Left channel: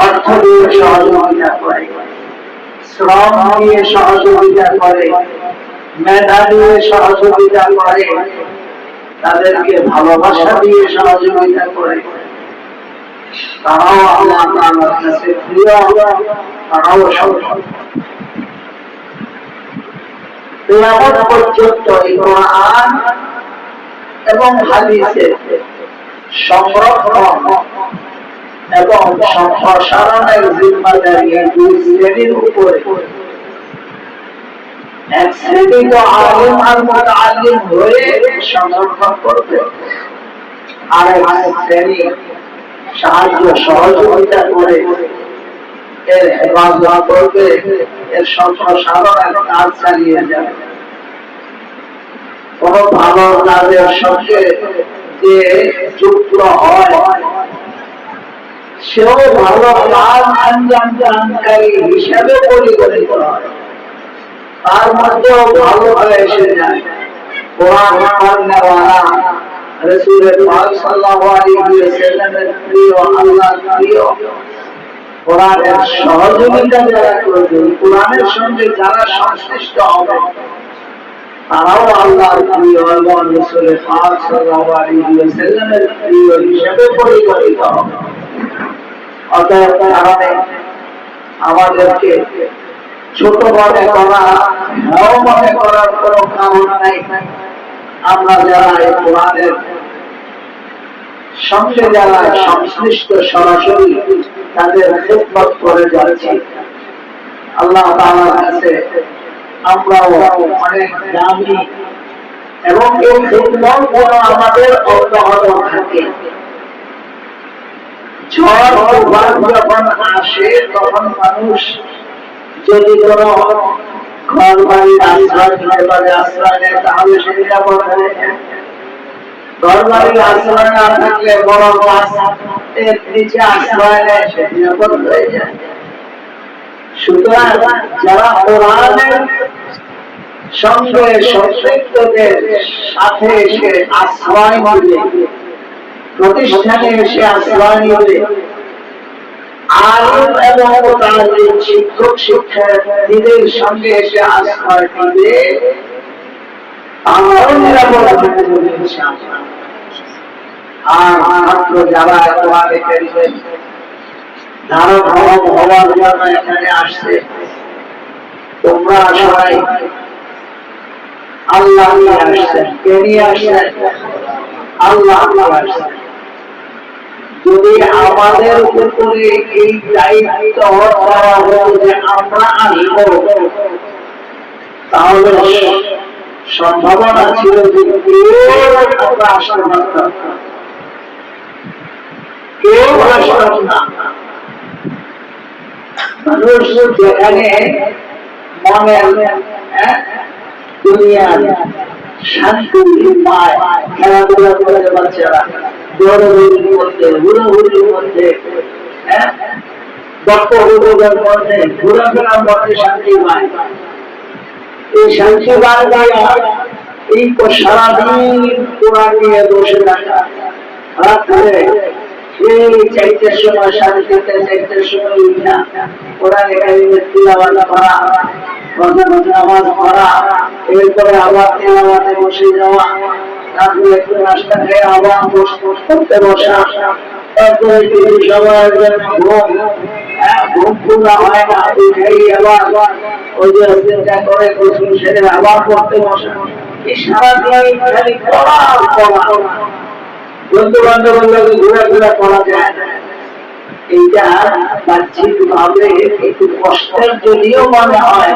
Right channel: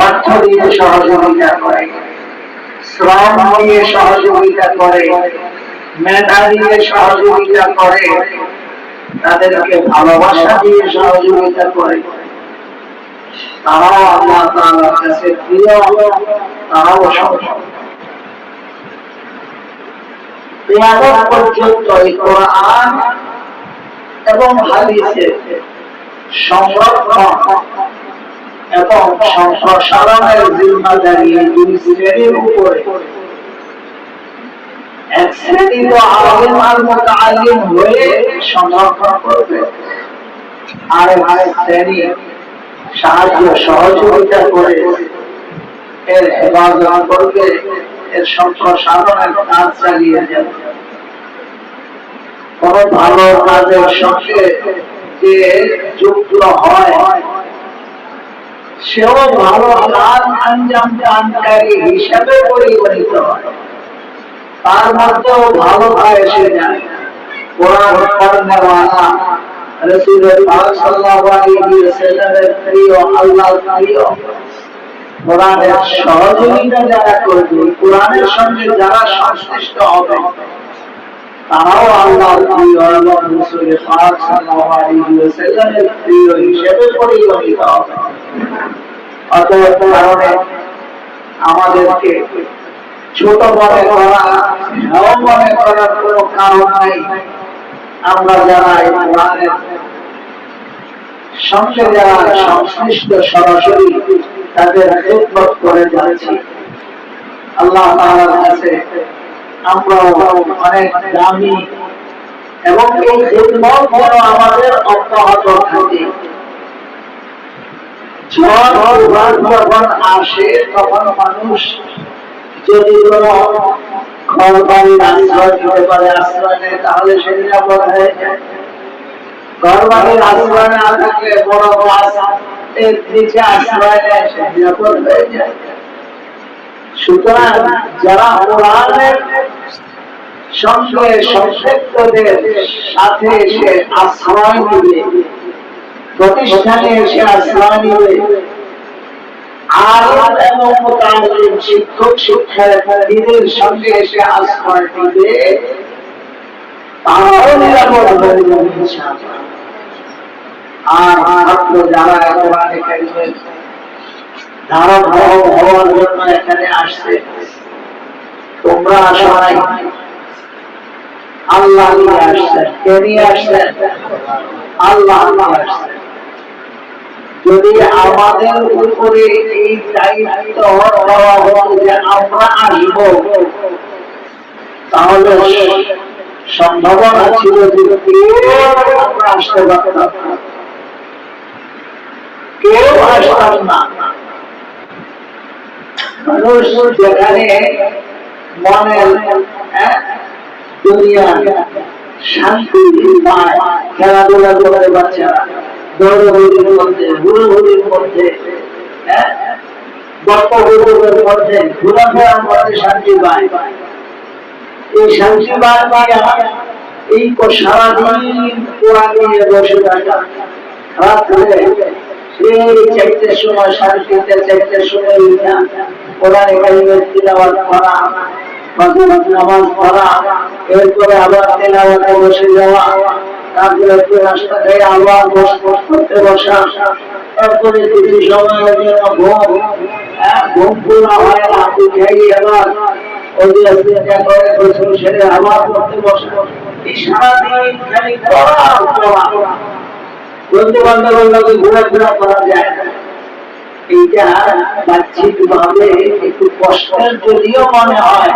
অর্থ দিয়ে সহযোগিতা করে, শ্রম দিয়ে সহযোগিতা করে, মেধা দিয়ে সহযোগিতা করে, তাদেরকে ভালোবাসা দিয়ে সহযোগিতা করে, তারাও আল্লাহ তাআলার কাছে প্রিয়, তারাও সফল। কিয়ামত পর্যন্ত এই কোরআন এবং হাদিসের সংরক্ষণ এবং সম্প্রসারণের জিম্মাদারি এই দুই শ্রেণীর উপরে। এক শ্রেণী তো আলিম আর মুতাআল্লিম হয়ে সংরক্ষণ করবে, আর এক শ্রেণী সাহায্য সহযোগিতা করে এর হেফাজত করবে, এর সম্প্রসারণের কাজ চালিয়ে যাবে। কোন ভালো কাজের সঙ্গে যে যুক্ত হয় সেও ভালো কাজ আঞ্জাম দানকারী হিসাবে পরিগণিত হয়, তার মধ্যেও ভালোটা এসে যায়। কোরআন পড়নেওয়ালা, রাসূল পাক সাল্লাল্লাহু আলাইহি ওয়াসাল্লামের প্রিয়, আল্লাহর প্রিয়, কোরআনের সহযোগিতা যারা করবে, কোরআনের সঙ্গে যারা সংশ্লিষ্ট হবে, তারাও আল্লাহর প্রিয় এবং রাসূল পাক সাল্লাল্লাহু আলাইহি ওয়াসাল্লামের প্রিয় হিসেবে পরিগণিত হবে। অতএব কারণে আমাদেরকে ছোট মনে করা, হেয় মনে করার কোন কারণ নাই। আমরা যারা এই কোরআনের সঙ্গে যারা সংশ্লিষ্ট সরাসরি তাদের খেদমত করে যাচ্ছি, আল্লাহ তাআলার কাছে আমরাও অনেক দামি, এবং এই খেদমত যেন আমাদের অব্যাহত থাকে। ঝড় তুফান যখন আসে তখন মানুষ যদি কোন ঘর বাড়ির আশ্রয় নিতে পারে, আশ্রয় নেয়, তাহলে সে নিরাপদ হয়ে যায়। ঘর বাড়ির আশ্রয় না থাকলে বড় গাছের নিচে আশ্রয় নেয়, সে নিরাপদ হয়ে যায়। সুতরাং যারা কোরআনের সঙ্গে সম্পৃক্তদের সাথে এসে আশ্রয় নিবে, প্রতিষ্ঠানে এসে আশ্রয় নিবে, আলিম এবং মুতাআল্লিম, শিক্ষক শিক্ষার্থীদের সঙ্গে এসে আশ্রয় নিবে, তারাও নিরাপদ হয়ে যাবে ইনশাআল্লাহ। আর মাত্র যারা কোরআনে কারীমের ধারক হওয়ার জন্য এখানে আসছে, তোমরা সবাই আল্লাহ নিয়ে আসছেন। কে নিয়ে আসছেন? আল্লাহ নিয়ে আসছেন। যদি আমাদের উপরে এই দায়িত্ব দেওয়া হতো যে আমরা আসব, তাহলে সম্ভাবনা ছিল যে আমরা আসতে পারতাম, কেউ আসতাম না। মানুষ যেখানে মনের দুনিয়া শান্তি পায়, খেলাধুলা করে বাচ্চারা দৌড়দৌড়ির মধ্যে, হুড়োহুড়ির মধ্যে, বক্তব্যের মধ্যে, ঘোরাফেরার মধ্যে শান্তি পায়। এই শান্তি পাইয়া এই সারাদিন কোরআন নিয়ে বসে থাকা, রাত্রে সেই 4টার সময়, 3:30, 4টার সময় উঠা কোরআনে কারীমের তিলাওয়াত করা, ফজরের নামাজ পড়া, এরপরে আবার তেলাওয়াতে বসে যাওয়া, তারপরে একটু নাস্তা খেয়ে আবার করতে বসা, তারপরে কিছু সময়ের জন্য ঘুম পুরা হয় না, উঠেই আবার ওই যে চিন্তা করে গোসল সেরে আবার পড়তে বসে। এই সারাদিন খালি পড়া পড়া, বন্ধু বান্ধবের লোকে ঘোরাফেরা করা যায় না। এইটা বাহ্যিক ভাবে একটু কষ্টের যদিও মনে হয়,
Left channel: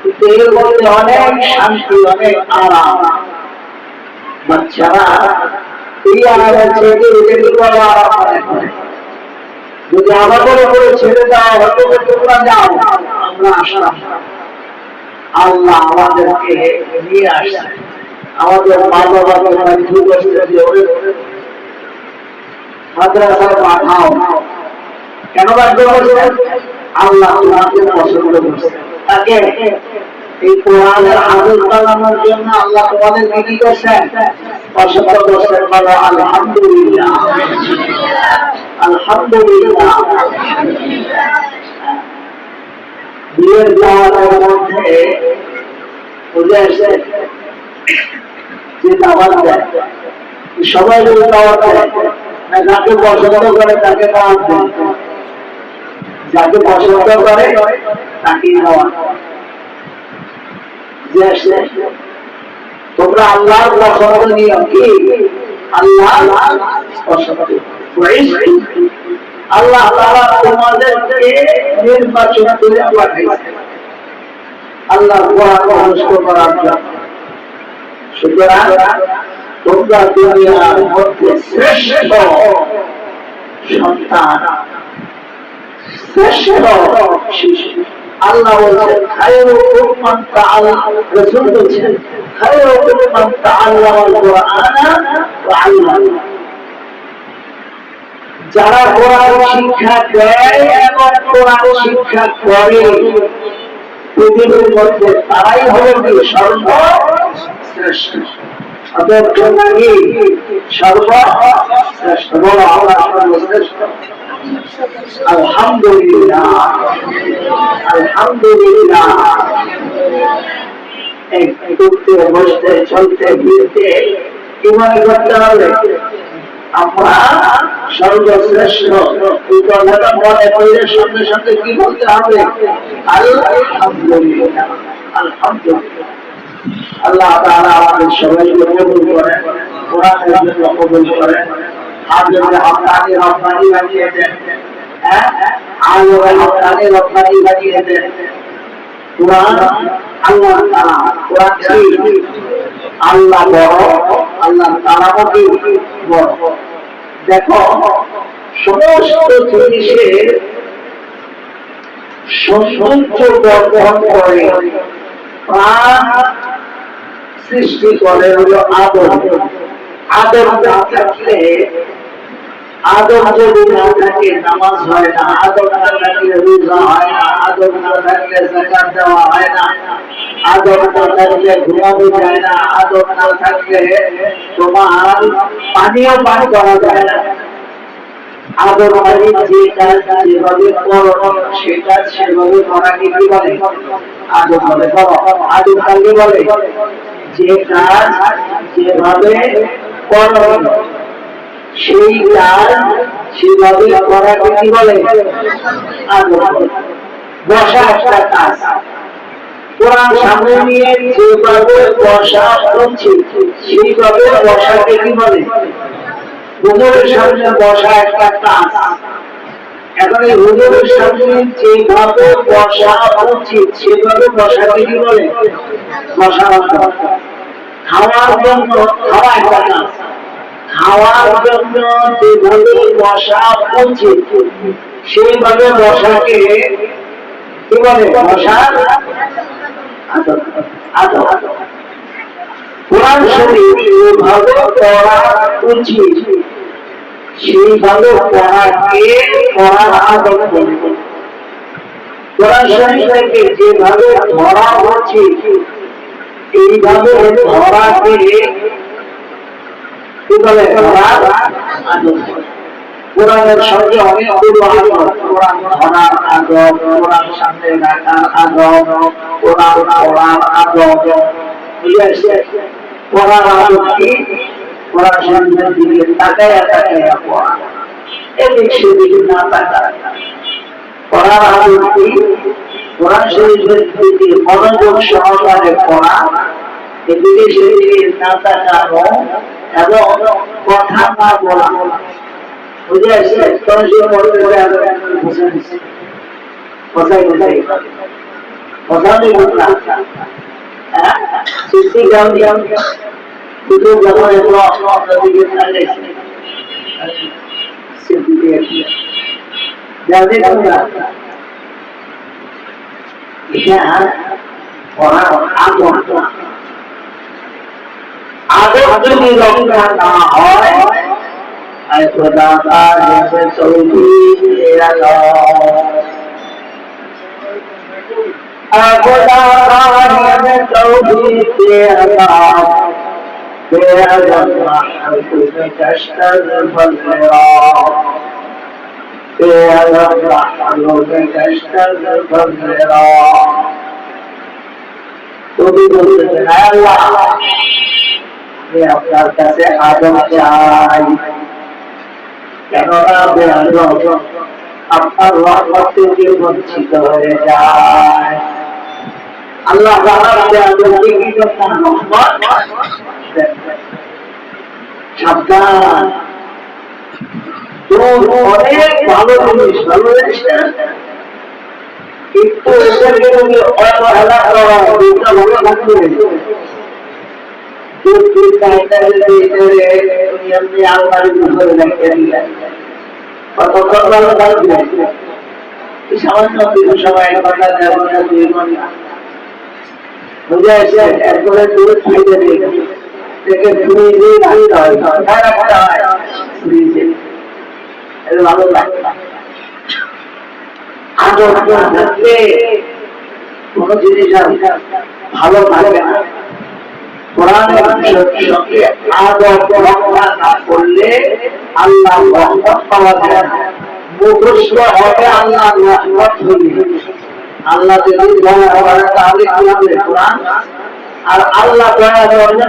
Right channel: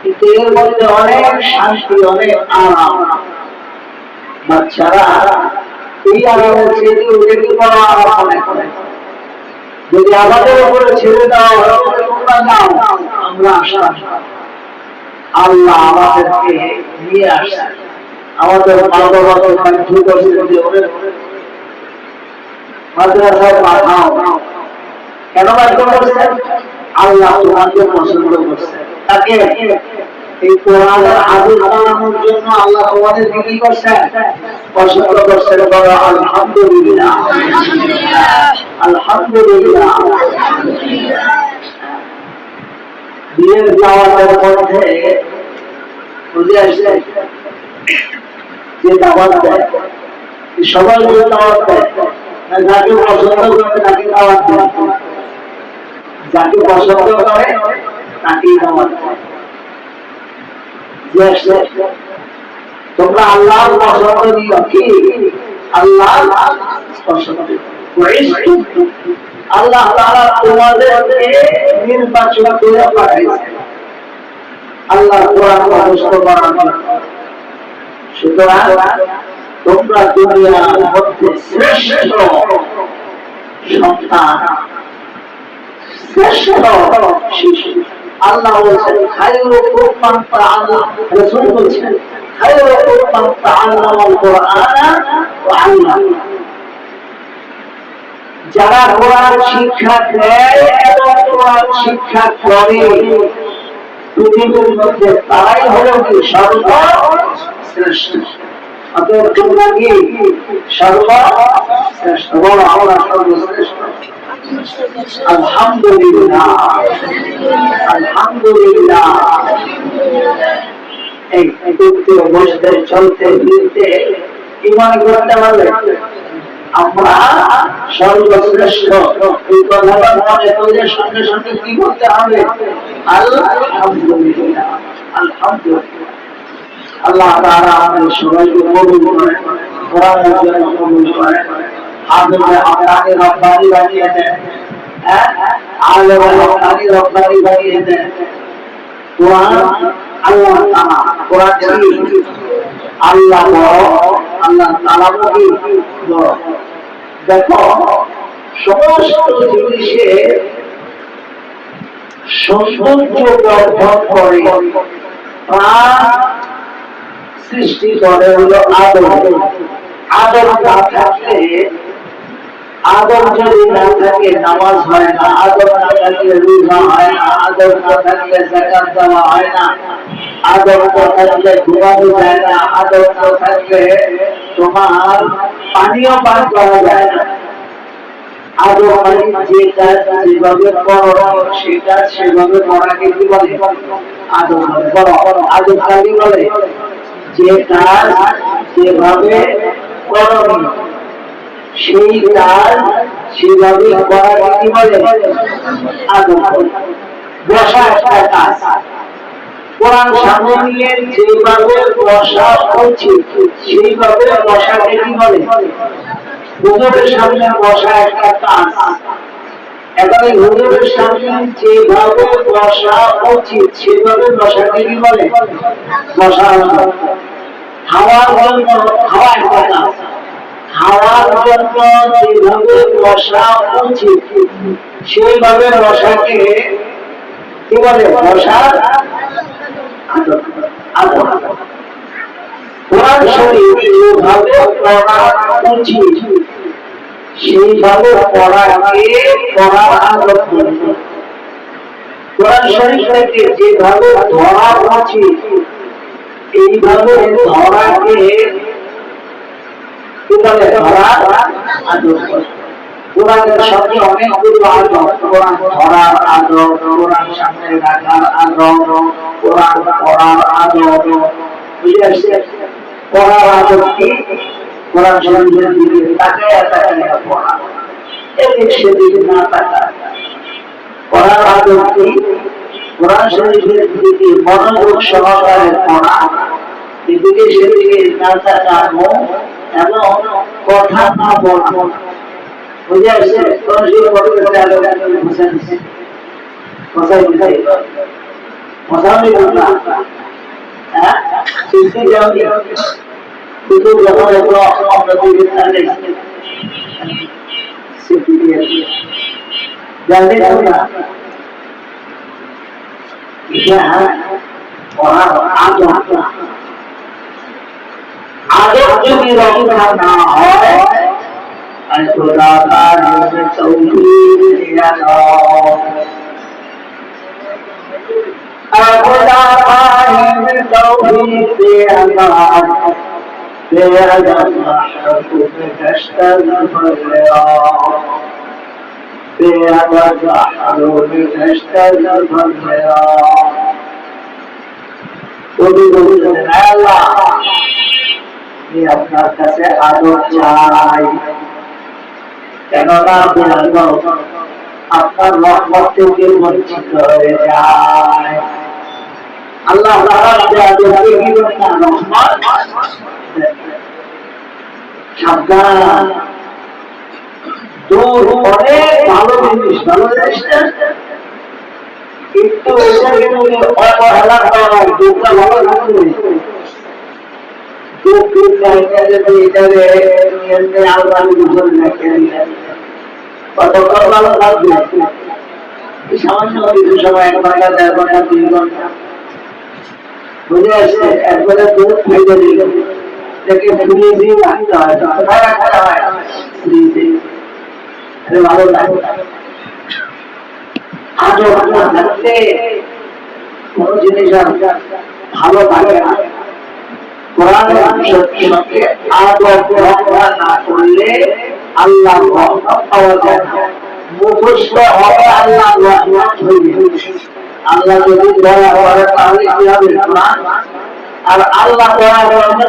কিন্তু এর মধ্যে অনেক শান্তি, অনেক আরাম। বাচ্চারা এই আরামের ছেড়ে একটু বড় আরাম মনে করে। যদি আমাদের উপরে ছেড়ে দেওয়া হতো তোমরা যাও, আমরা আসলাম, আল্লাহ আমাদেরকে নিয়ে আসছে। আমাদের মা বাবাকে বাধ্য করছে যে ওরে মাদ্রাসায় পাঠাও। কেন বাধ্য করছে? আল্লাহ তোমাকে পছন্দ করছে। তাকে এই কোরআনের হাফেজ বানানোর জন্য আল্লাহ তোমাদেরকে কি করছেন? পছন্দ করছেন। বলো আলহামদুলিল্লাহ। আলহামদুলিল্লাহ। বিয়ের দাওয়াতের মধ্যে বুঝে আসছে যে দাওয়াত দেয়, সবাই যদি দাওয়াত দেয়, যাকে পছন্দ করে তাকে দাওয়াত দেয়, যাকে পছন্দ করে তাকেই দাওয়াত দেয়। তোমরা আল্লাহর পছন্দ নিও, কি আল্লাহ পছন্দ, আল্লাহ তাআলা তোমাদেরকে নির্বাচন করে পাঠাইছেন আল্লাহ কোরআন মুখস্থ করার জন্য। সুতরাং তোমরা দুনিয়ার মধ্যে শ্রেষ্ঠ সন্তান, শ্রেষ্ঠ শিশু। আল্লাহ বলছেন খায়রুকুম মান তাআল্লামা, রাসূল বলছেন খায়রুকুম মান তাআল্লামাল কুরআনা ওয়া আল্লামা। যারা কোরআন শিক্ষা দেয় এবং কোরআন শিক্ষা করে পৃথিবীর মধ্যে তারাই হলো কি সর্বশ্রেষ্ঠ। অতএব তোমরা কি সর্বশ্রেষ্ঠ, বলো আমরা সর্বশ্রেষ্ঠ। আলহামদুলিল্লাহ, আলহামদুলিল্লাহ। উঠতে বসতে চলতে ফিরতে কি মনে করতে হবে? আমরা সর্বশ্রেষ্ঠ। এই কথাটা মনে করলে সঙ্গে সঙ্গে কি বলতে হবে? আলহামদুলিল্লাহ, আলহামদুলিল্লাহ। আল্লাহ তাআলা আমাদের সবাইকে কবুল করেন, কোরআনের জন্য কবুল করেন, হাফেজে হাক্কানি রব্বানি বানিয়ে দেন, আলেমে হাক্কানি রব্বানি বানিয়ে দেন। কোরআন আল্লাহ তাআলা, কোরআন কি আল্লাহ বড়, আল্লাহ তাআলা কি বড়। দেখো সমস্ত জিনিসের সৌন্দর্য বর্ধন করে, প্রাণ সৃষ্টি করে হলো আদর। আদর না থাকলে, আদর যদি না থাকে নামাজ হয় না, আদর না থাকলে রোজা হয় না, আদর না থাকলে যাকাত দেওয়া হয় না, আদর না থাকলে ঘুমানো যায় না, আদর না থাকলে তোমার পানীয় পান করা যায় না। আদর মানে যে কাজ যেভাবে করো সে কাজ সেভাবে করাকে কি বলে? আদর বলে। বলো আদর কাকে বলে? যে কাজ যেভাবে করো সেই কাজ সেভাবে করাকে কি বলে? আদর বলে। বসা একটা কাজ, কোরআন সামনে নিয়ে যেভাবে বসা উচিত সেইভাবে বসাকে কি বলে? হুজুরের সামনে বসা একটা কাজ। এখন এই হুজুরের সামনে যেভাবে বসা উচিত সেভাবে বসাকে কি বলে? বসা। খাওয়ার জন্য খাওয়া একটা কাজ, খাওয়ার জন্য যেভাবে বসা উচিত সেইভাবে বসাকে কি বলে? বসার আদর। আদর কোরআন শরীফ যেভাবে পড়া উচিত সেইভাবে পড়াকে পড়ার আদর বলে। কোরআন শরীফ থেকে যেভাবে ধরা উচিত এইভাবে ধরাকে কি বলে? ধরার আদর। কোরআনের সঙ্গে অনেকগুলো আদর, কোরআন ধরার আদর, কোরআন সামনে রাখার আদর, কোরআন পড়ার আদর। বুঝে আসছে? পড়ার আদর কি? কোরআন শরীফের দিকে তাকায়া তাকায়া পড়া, এদিক সেদিক না তাকায়। পড়ার আদর কি? কোরআন শরীফের দিকে মনোযোগ সহকারে পড়া, এদিকে সেদিকে না তাকানো এবং কথা না বলা। বুঝে আসছে? কোরআন শরীফ পড়তে করে আদর বুঝে নিচ্ছে, বোঝাই বোঝাই বোঝানি বুঝলা। হ্যাঁ সৃষ্টি যাও কিন্তু যখন এগুলো আমরা দিকে তাকাই সৃষ্টি দিয়ে জানতে পারবো না এটা পড়ার আদর। আদর যদি রক্ষা না হয় খোদা তাআলা তৌফিক দিয়া দাও, খোদা তাআলা তৌফিক দিয়া দাও, বেআদব মাহবুব কষ্টল ফলরা। আপনার কাছে আদব চাই, কেননা আপনার রহমত থেকে বঞ্চিত হয়ে যায়। আল্লাহ সাবধান, দূর অনেক ভালো জিনিস, ভালো জিনিস না, কিন্তু এটাকে অবহেলা করা, দুধটা ভালো থাকবে। আলমারি বুঝে রেখে দিলেন, কতক্ষণ ভালো থাকবে? সামান্য কিছু সময়, 1 ঘন্টা 1.5 ঘন্টা 2 ঘন্টা বুঝে আসছে। একবারে দুধ খাইতে দিলে দেখে ফ্রিজে রাখতে হয়, কোথায় রাখতে হয়? ফ্রিজে। ভালো লাগে আদর না থাকলে কোন জিনিস ভালো থাকে না। কোরআনের সঙ্গে আদর রক্ষা না করলে আল্লাহ রহমত পাওয়া যায় না। মুখস্থ হবে আল্লাহ রহমত হইবে। আল্লাহ যদি দয়া করে তাহলে কি হবে? কোরআন। আর আল্লাহ দয়া করবে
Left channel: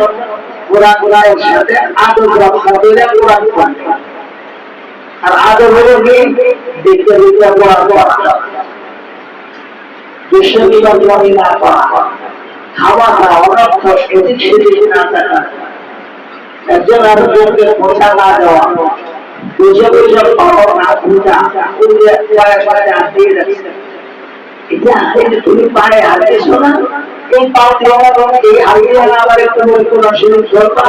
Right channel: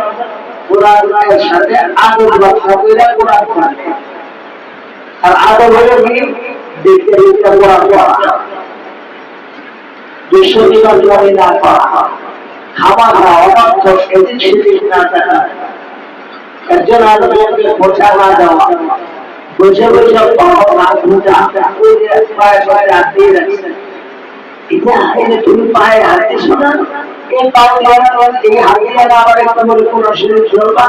কোরআনের সাথে আদর রক্ষা করে কোরআন পড়বে। আর আদর হলো কি? দেখতে দেখতে কোরআন পড়া, দুঃসংবাদ জমি না পাওয়া, খাওয়া না অনর্থ এদিক সেদিক না থাকা, একজন আরেকজনকে খোঁচা না দেওয়া, বুঝে বুঝে পাওয়া না খোঁজা, ওই যে পায়ে পায়ে হাতিয়ে রাখছে, এটা তুমি পায়ে হাঁটেছো না, এই পা দিয়ে এই হাতিয়ে না আবার একটু বলে কোন শরীর চলবা